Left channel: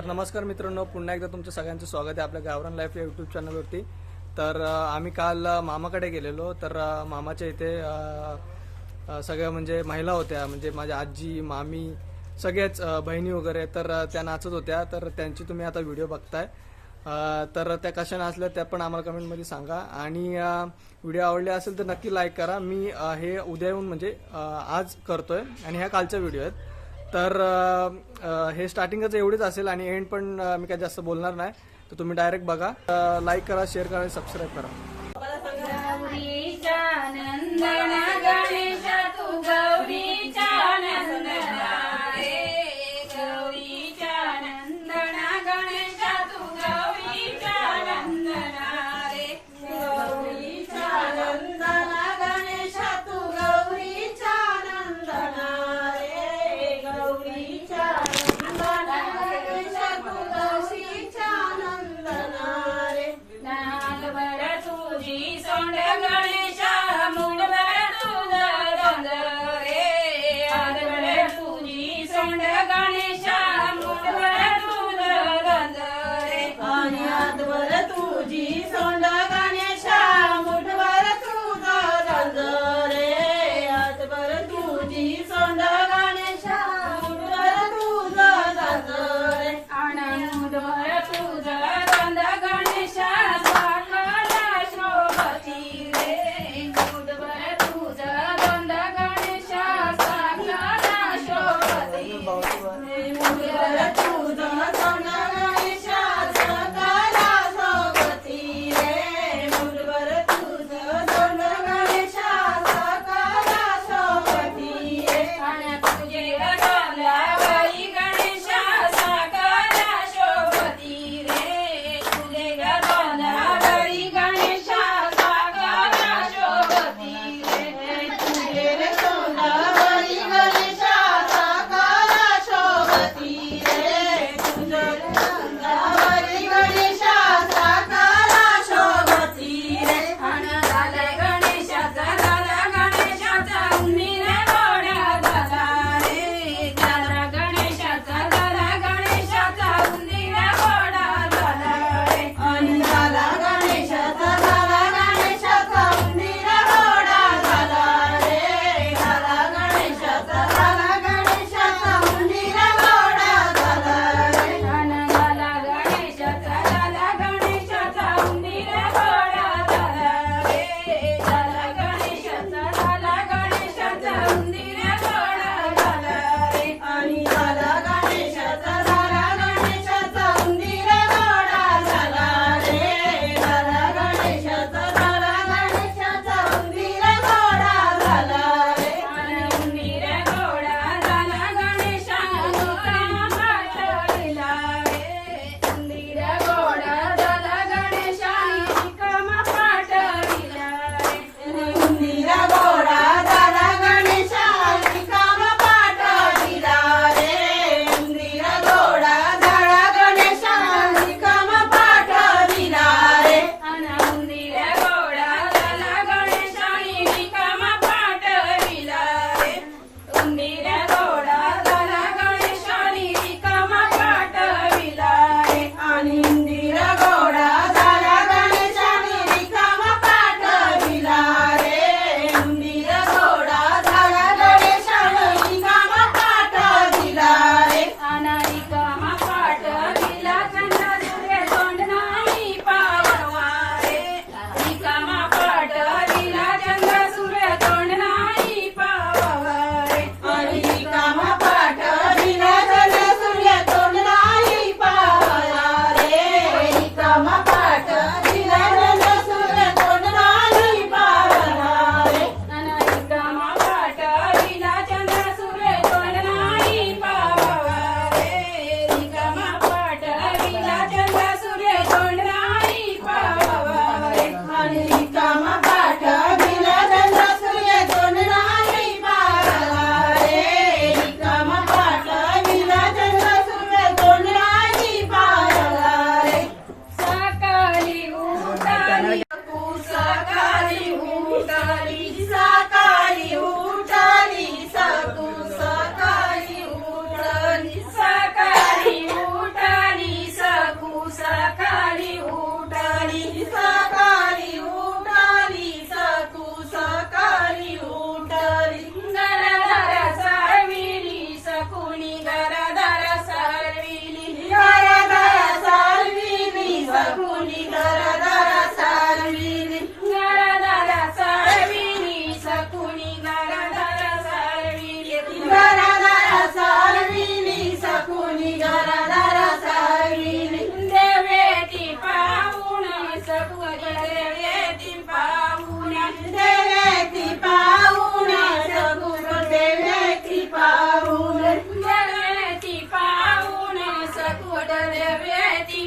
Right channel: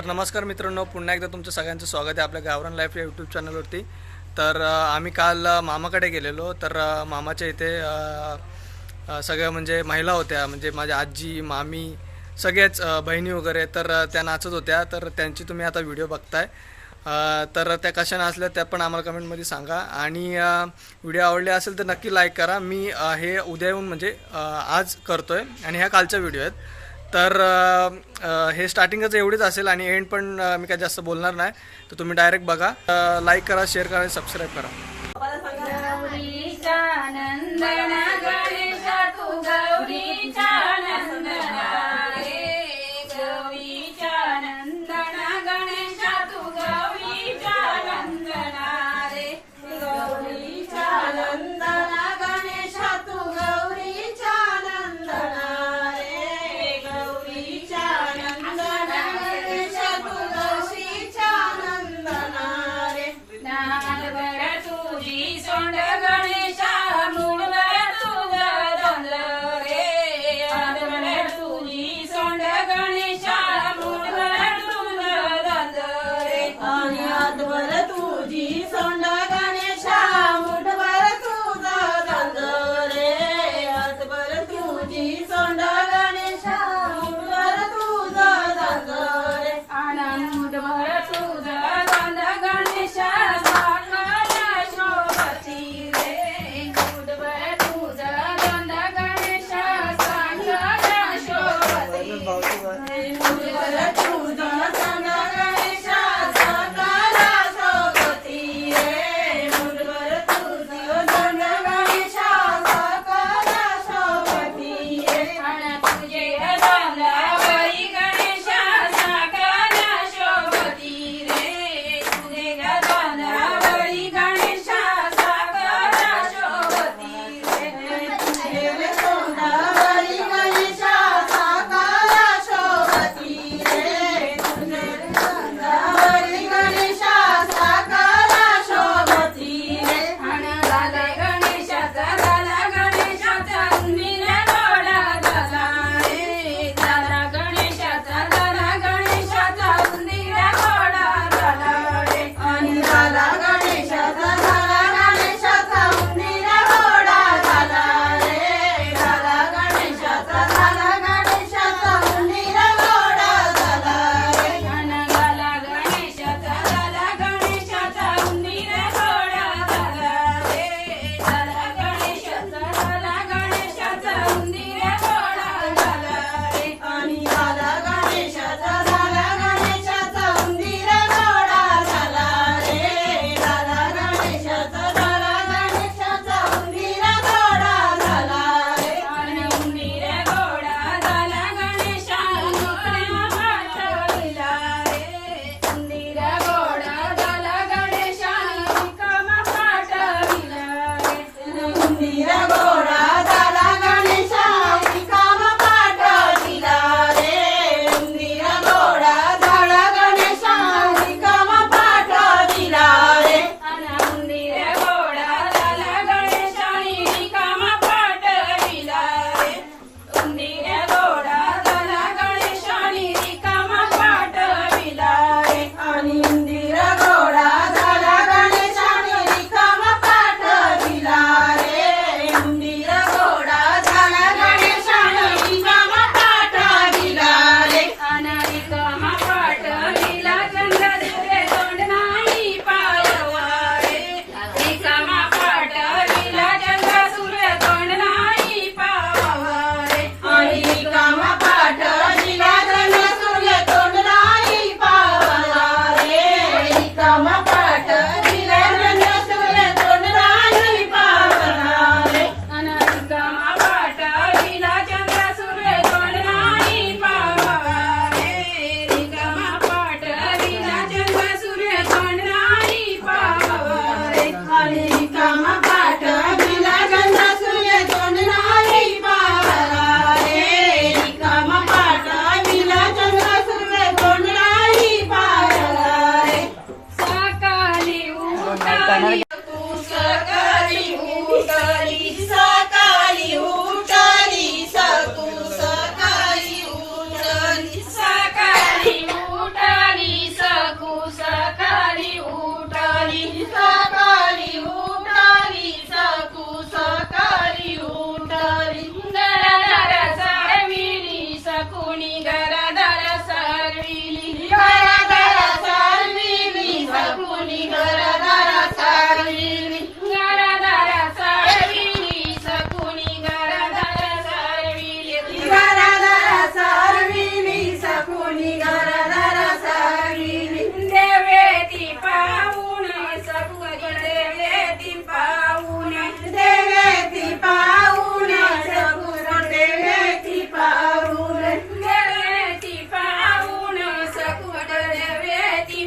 तर नमस्कार मित्रांनो, पुन्हा एकदा तुमचं सगळ्यांचं स्वागत आहे आपल्या गावरान लाईफ या यूट्यूब चॅनलवरती। तर आम्ही काल मामाकडे गेलेलो। तर मामाच्या इथे सगळ्या म्हणजे महिला होत्या, म्हणजे माझी आजी, मामी, सगळ्याच बहिणी वगैरे। तर त्या नाचत होत्या, तर त्यांची तुम्ही आता व्हिडिओ बघताय। तर त्या कशा नाचल्या त्या पण आम्हाला कमेंटमध्ये सांगा, आणि व्हिडिओ आवडले असेल तर नक्की लाईक करा। मी हे उद्या येऊन म्हणजे आज करतोय, आणि ह्या कालच्या व्हिडिओ आहेत। तर हे स्टार्टिंगच एवढीच असेल, आणि एंड पण मी काय जास्त बोलणार नाही। तर तुम्ही डायरेक्ट बघा, लाईक करा, शेअर करा आणि सबस्क्राईब करा।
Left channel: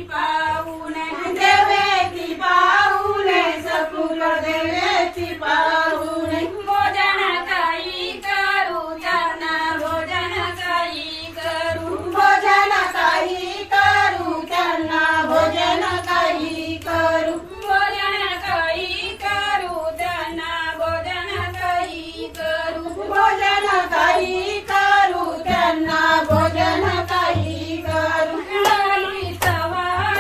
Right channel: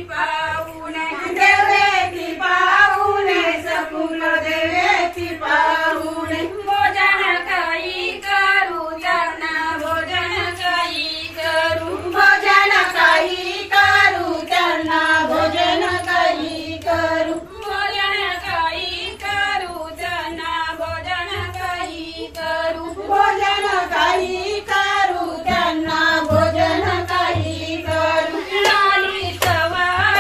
पाहुणे देवेची पाहुणे सकुल देवेची पाहुणे भोजन काही करू त्यांना भोजन काही करू भोजन काही करू त्यांना भोजन काही करू भोजन काही करू त्यांना भोजन काही करू भोजन काही करू त्यांना भोजन काही करू लाली सवार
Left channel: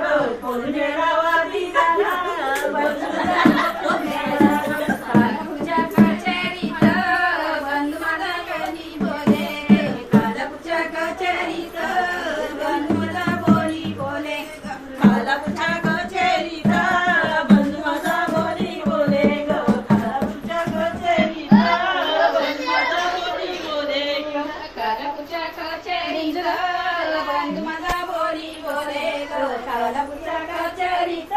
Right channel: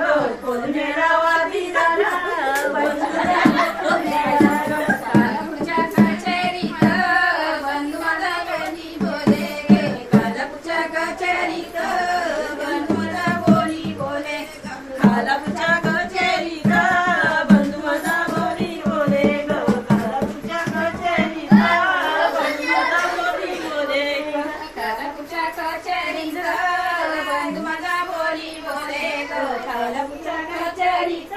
ग पुण्यावादी झाला कालपूरच्या कचेरीत बंधू मला बोली बोले कालपूरच्या कचेरीत बंधू मला बोली बोले कालपूरच्या कचेरीत बंधू मला बोली बोले ग कालपूरच्या कचेरीत बंधू मला बोली बोले कालपूरच्या कचेरीत बंधू मला बोली बोले ग कालपूरच्या कचेरीत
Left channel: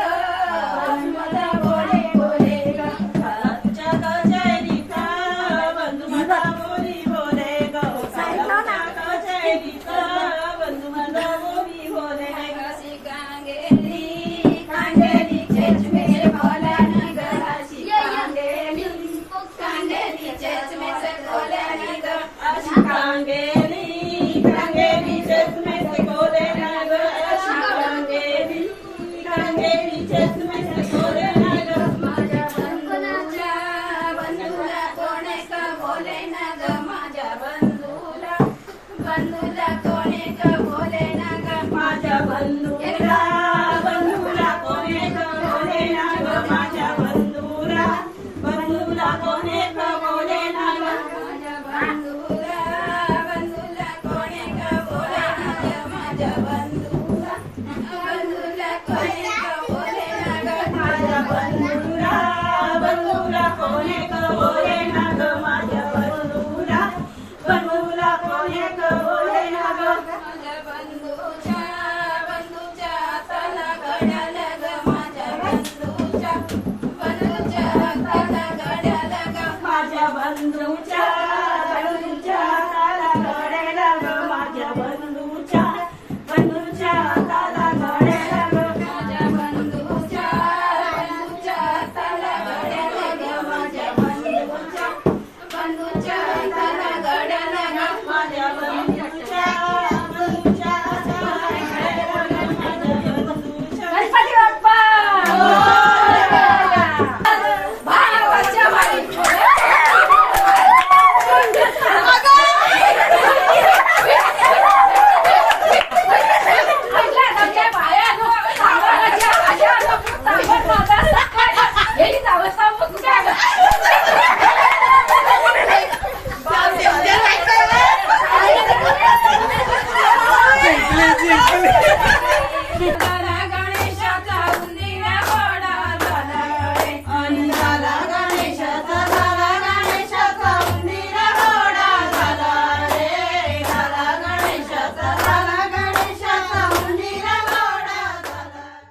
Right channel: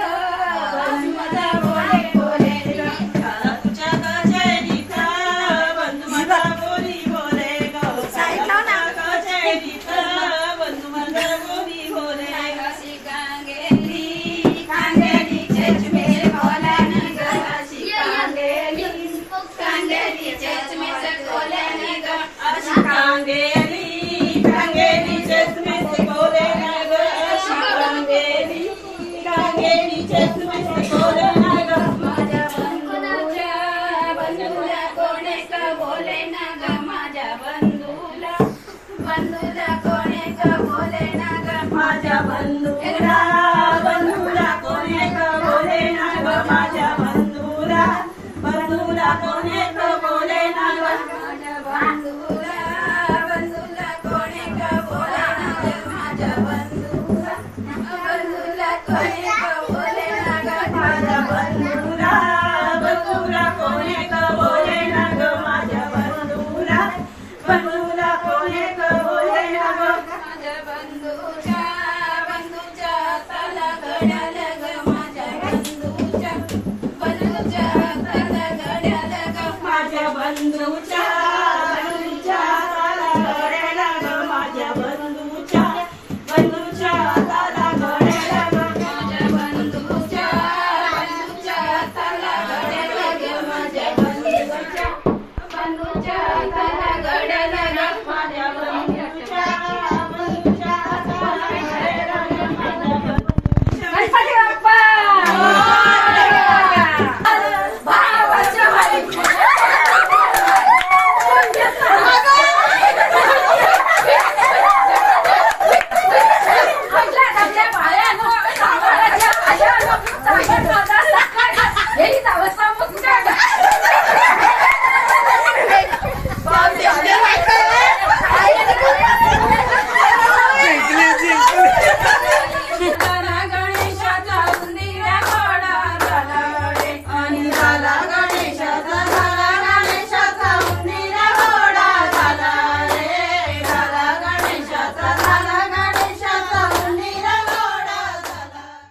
बंधू मला बोली बोले ग कालपूरच्या कचेरीत बंधू मला बोली बोले ग कालपूरच्या कचेरीत बंधू मला बोली बोले ग कांगेली कांगेली चेचमे बोला न ग कांगेली कांगेली चेचमे बोले न ग कांगेली कांगेली चेचमे बोले न ग कांगेली कांगेली चेचमे बोले न ग माझ्या बंधूला बंधूला कोणे का बोले न ग माझ्या बंधूला बंधूला कोणे का बोले न ग माझ्या बंधूला बंधूला कोणे का बोले न ग माझ्या बंधूला बंधूला कोणे का बोले न ग माझ्या बंधूला बंधूला कोणे का बोले न ग माझ्या बंधूला बंधूला कोणे का बोले न ग माझ्या बंधूला बंधूला कोणे का बोले न ग माझ्या बंधूला बंधूला कोणे का बोले न ग माझ्या बंधूच्या बंधूच्या हाताला घड्याळ ग माझ्या बंधूच्या बंधूच्या हाताला घड्याळ ग माझ्या बंधूच्या बंधूच्या हाताला घड्याळ ग माझ्या बंधूच्या बंधूच्या हाताला घड्याळ ग माझ्या बंधूच्या बंधूच्या हाताला घड्याळ ग माझ्या बंधूच्या बंधूच्या हाताला घड्याळ ग माझ्या बंधूच्या बंधूच्या हाताला घड्याळ ग माझ्या बंधूच्या गणपती बाप्पा भावाच्या वाली आपल्या पायानो सावराच्या आशानो सावट माझा सकाळ गेली जावं कुठे